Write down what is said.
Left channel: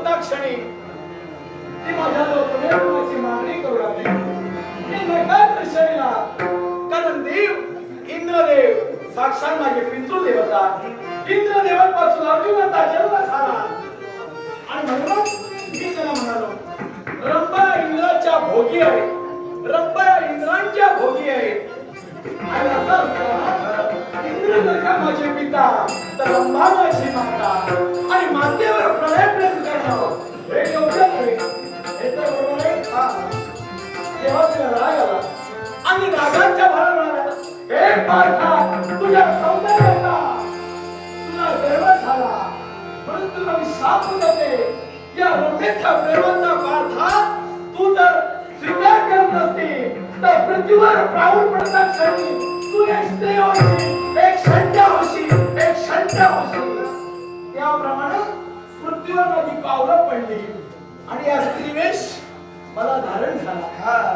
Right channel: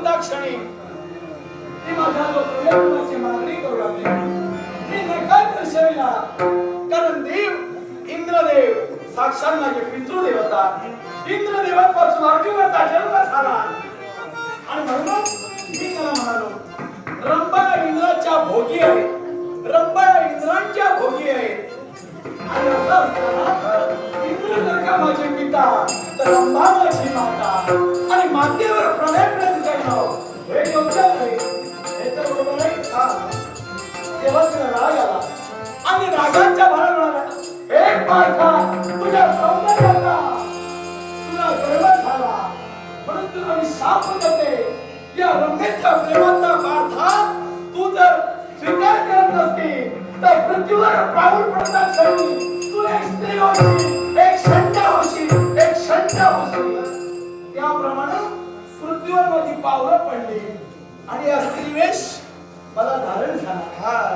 होता क्षणी ती माझ्या प्रेमाची मागणी करू लागली. मी नकार दर्शविला, कारण देव इंद्रदेव साक्षात माझे पितृदेवता. इंद्रदेवापासून अर्जुनाचा जन्म झाला आणि म्हणून मी त्याला म्हणालो, रंभा इंद्राच्या भोगी आहे, रंभा इंद्रांच्या भोगी आहे. आणि असं इंद्र जर का माझे पिता तर रंभा माझी माता, आणि मातेवर प्रणय प्रेम करणं हे योग्य आहे. हे तर बरोबर आहे का? तेव्हा तिला राग आला आणि रागाच्या भरात म्हणाला, हे पार्था, तुझ्या सौंदर्याचा तुला गर्व झाला म्हणून तुला मी शाप देते. या रंभेच्या प्रेमाचा पार्था तू जर स्वीकार करत नसती तर पृथ्वीवर प्राणून पडता क्षणी तू एक स्त्री होशील, एक शंका होशील, एक शंका होशील. त्याप्रमाणे पृथ्वीवर माझी पावलं पडली आणि या स्त्रीवेश मला धारण झाला.